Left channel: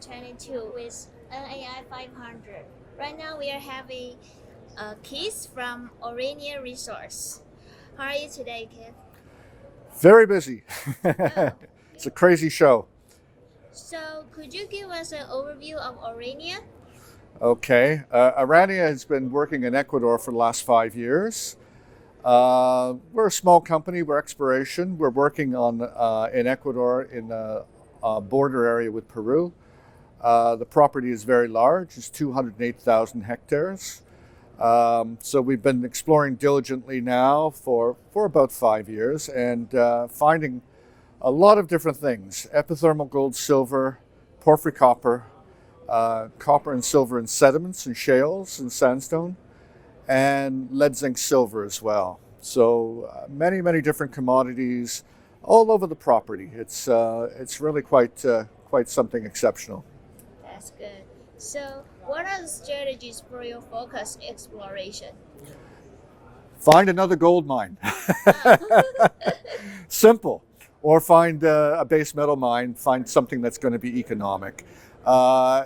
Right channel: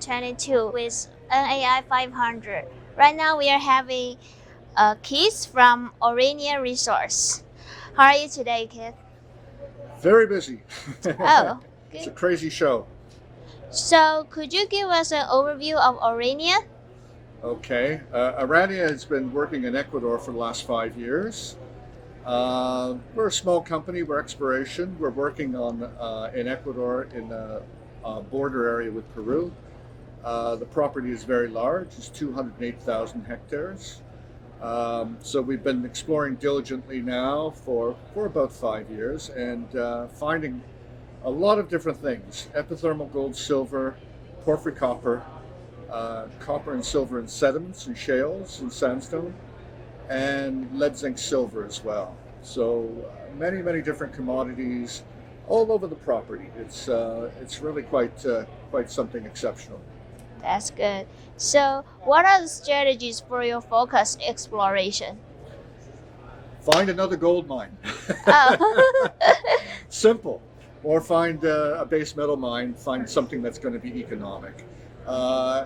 2022 with NAI 500. Right now we are having Keith from Aurania Resources. How are you today, Keith? Very busy. Oh, It's a crazy show. So could you give us an overview of Aurania? Okay. Aurania has been working in Ecuador for the last 5 years. We're a small company. We're exploration. We're working on in Ecuador in a border area with Peru. The property is very large. It's 208,000 hectares. So we've been exploring diligently now for about 5 years and finding a lot of different things: epithermal gold, silver, porphyry copper, copper and silver in sediments and shales and sandstone, and lead zinc silver as well. So many different commodities all over the property. It's really quite something exceptional. That's good. So what are the strategies for your focused exploration? Find another gold mine. Oh. Simple. Or find a base metal mine, find something that's going to be economic.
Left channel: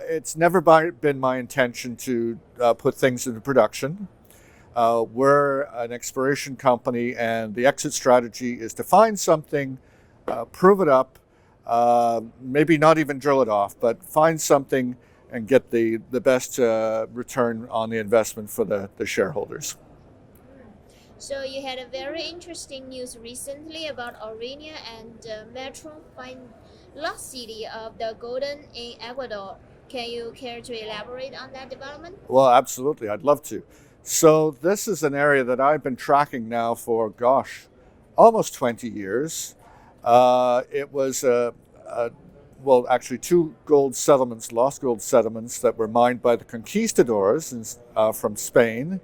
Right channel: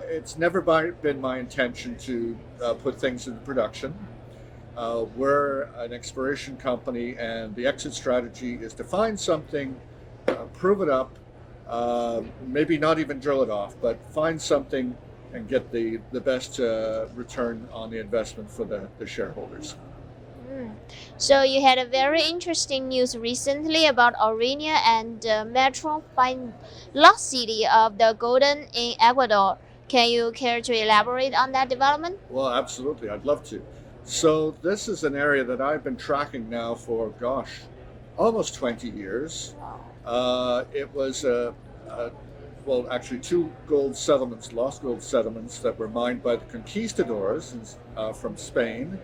It's never been my intention to put things into production. We're an exploration company, and the exit strategy is to find something, prove it up, maybe not even drill it off, but find something and get the best return on the investment for the shareholders. So you had a very interesting news recently about Aurania and the metro lost city of the Golden in Ecuador. Can you care to elaborate on that development? Well, absolutely. I'd love to. So this is an area that I've been tracking now for, almost 20 years. It was, actually 2 gold settlements, lost gold settlements that were mined by the conquistadors from Spain.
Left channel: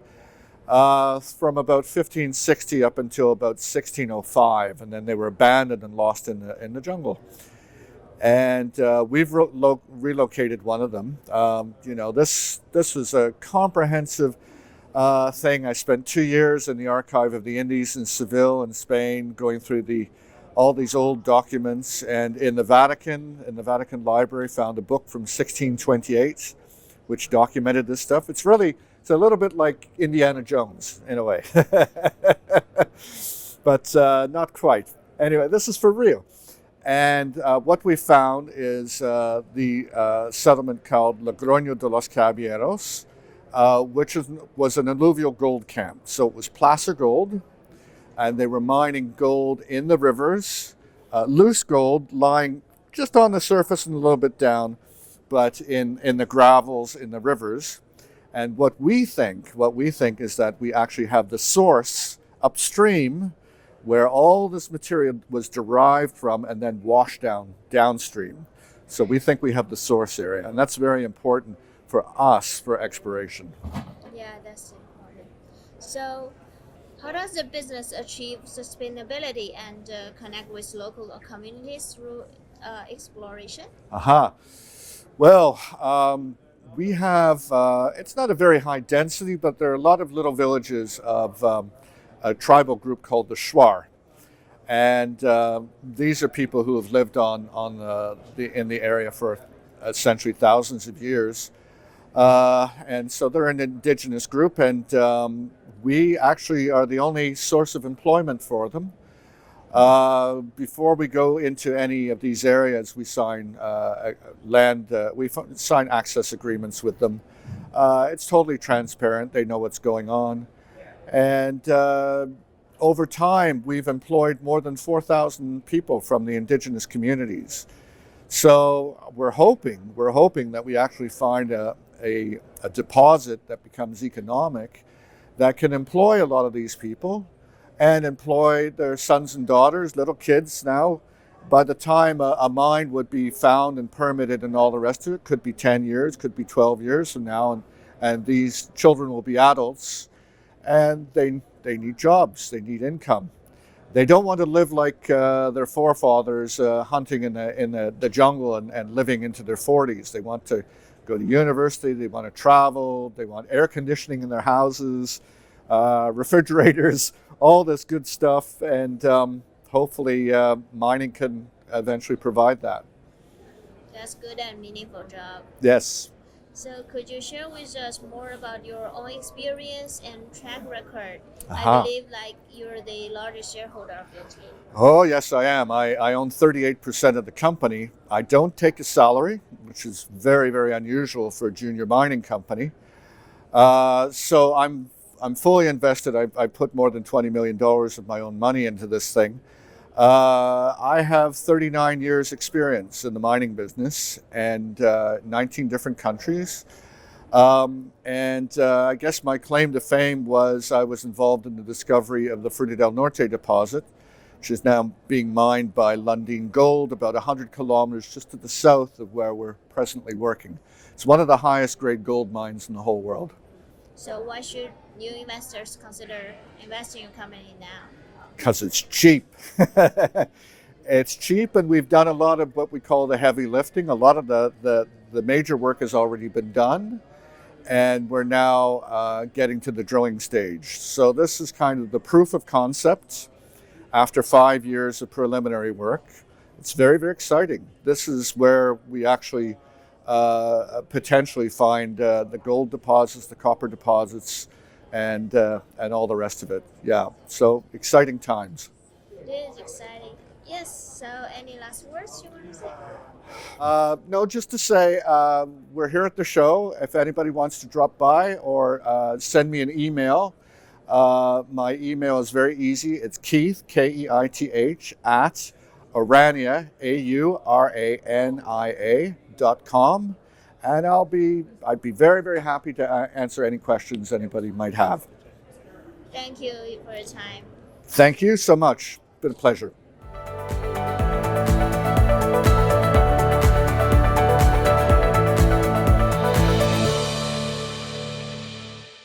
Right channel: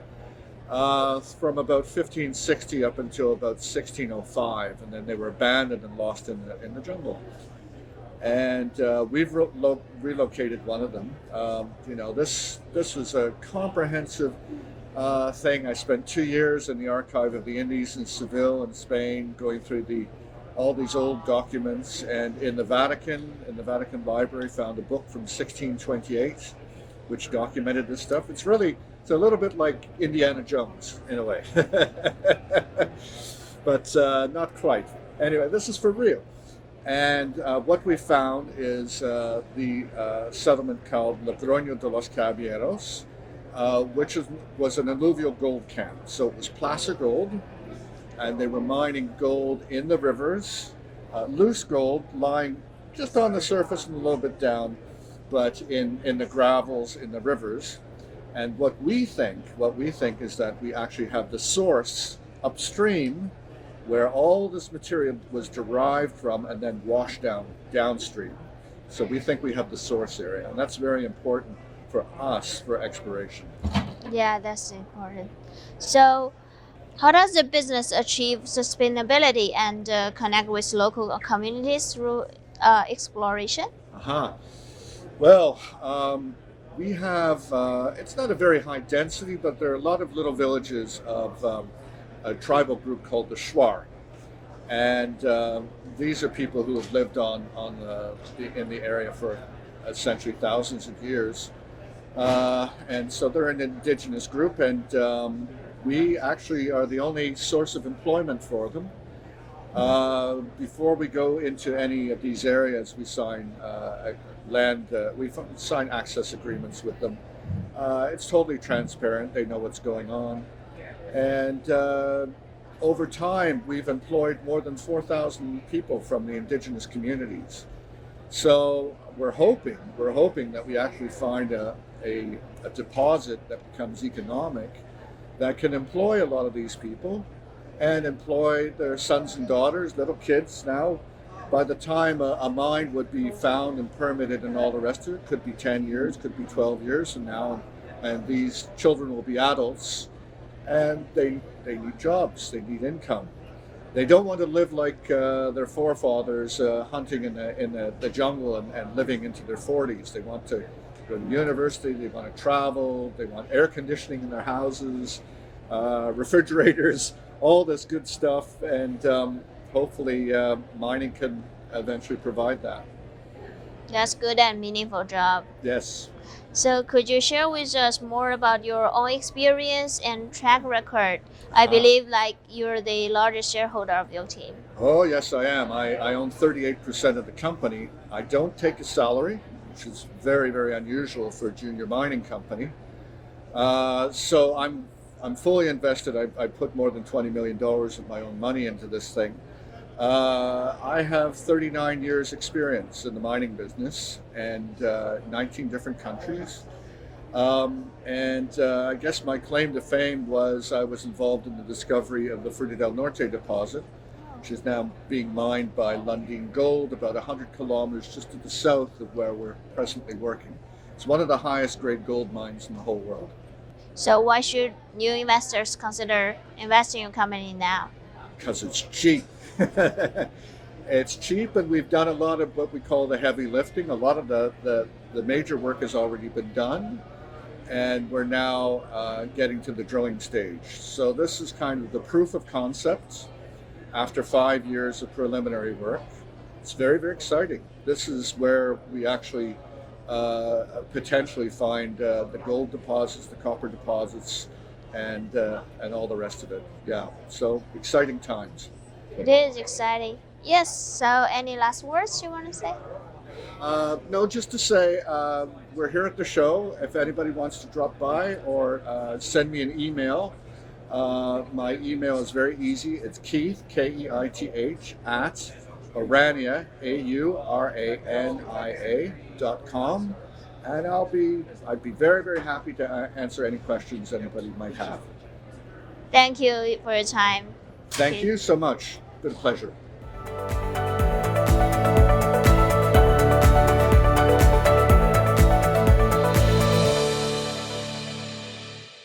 From about 1560 up until about 1605, and then they were abandoned and lost in the jungle. And we've relocated one of them. This was a comprehensive thing. I spent 2 years in the Archive of the Indies in Seville in Spain, going through all these old documents, and in the Vatican Library, found a book from 1628 which documented this stuff. It's a little bit like Indiana Jones in a way, but not quite. Anyway, this is for real. And what we found is the settlement called Logroño de los Caballeros, which was an alluvial gold camp. So it was placer gold, and they were mining gold in the rivers, loose gold lying just on the surface and a little bit down, but in the gravels in the rivers. And what we think is that we actually have the source upstream where all this material was derived from and then washed downstream. So we think we have the source area, and that's very important for us for exploration. Yeah, that's important. So how does the business achieve sustainability and connect with local communities through exploration? Well, we have, it's not a very high density, but there are a lot of little villages of a tribal group called the Shuar. And these are people who have lived in the area for essentially thousands of years. And so they're an indigenous group, and we actually are the only source of employment for them. Before we go into any of these areas, we sign we sign access agreements with them. It's totally transparent. They know what's going on. And over time, we've employed more than 4,000 people from the indigenous communities. So we're hoping that we actually find a deposit that becomes economic, that can employ a lot of these people and employ their sons and daughters, little kids now. By the time a mine would be found and permitted and all the rest of it, could be 10 years, could be 12 years from now, and these children will be adults, and they need jobs, they need income. They don't want to live like their forefathers hunting in the jungle and living into their 40s. They want to go to university, they want to travel, they want air conditioning in their houses, refrigerators, all this good stuff, and hopefully mining can eventually provide that. That's good and meaningful job. Yes. So could you share with us more about your own experience and track record? I believe like you're the largest shareholder of your team. Oh, yes, I am. I own 38% of the company. I don't take a salary, which is very, very unusual for a junior mining company. So I'm fully invested. I put more than $20 million of my own money into this thing. I have 39 years experience in the mining business and 19 different countries. I guess my claim to fame was I was involved in the discovery of the Fruta Del Norte deposit, which is now being mined by Lundin Gold about 100 kilometers just to the south of where we're presently working. It's one of the highest grade gold mines in the whole world. So why should new investors consider investing in your company now? Because it's cheap. It's cheap, and we've done a lot of what we call the heavy lifting. A lot of the major work has already been done, and we're now getting to the drilling stage. So this is kind of the proof of concept after 5 years of preliminary work. It's very, very exciting. This is where we actually potentially find the gold deposits, the copper deposits, and all the rest of it. Yeah, so exciting times. It is exciting. Yes, so any last words you want to say? No, just to say we're here at the show. If anybody wants to drop by or send me an email, my email is very easy. It's Keith, Keith, at Aurania, AURANIA.com. And I'd be very, very happy to answer any questions anybody might have. Thank you for your time. Thank you so much. It's been a pleasure.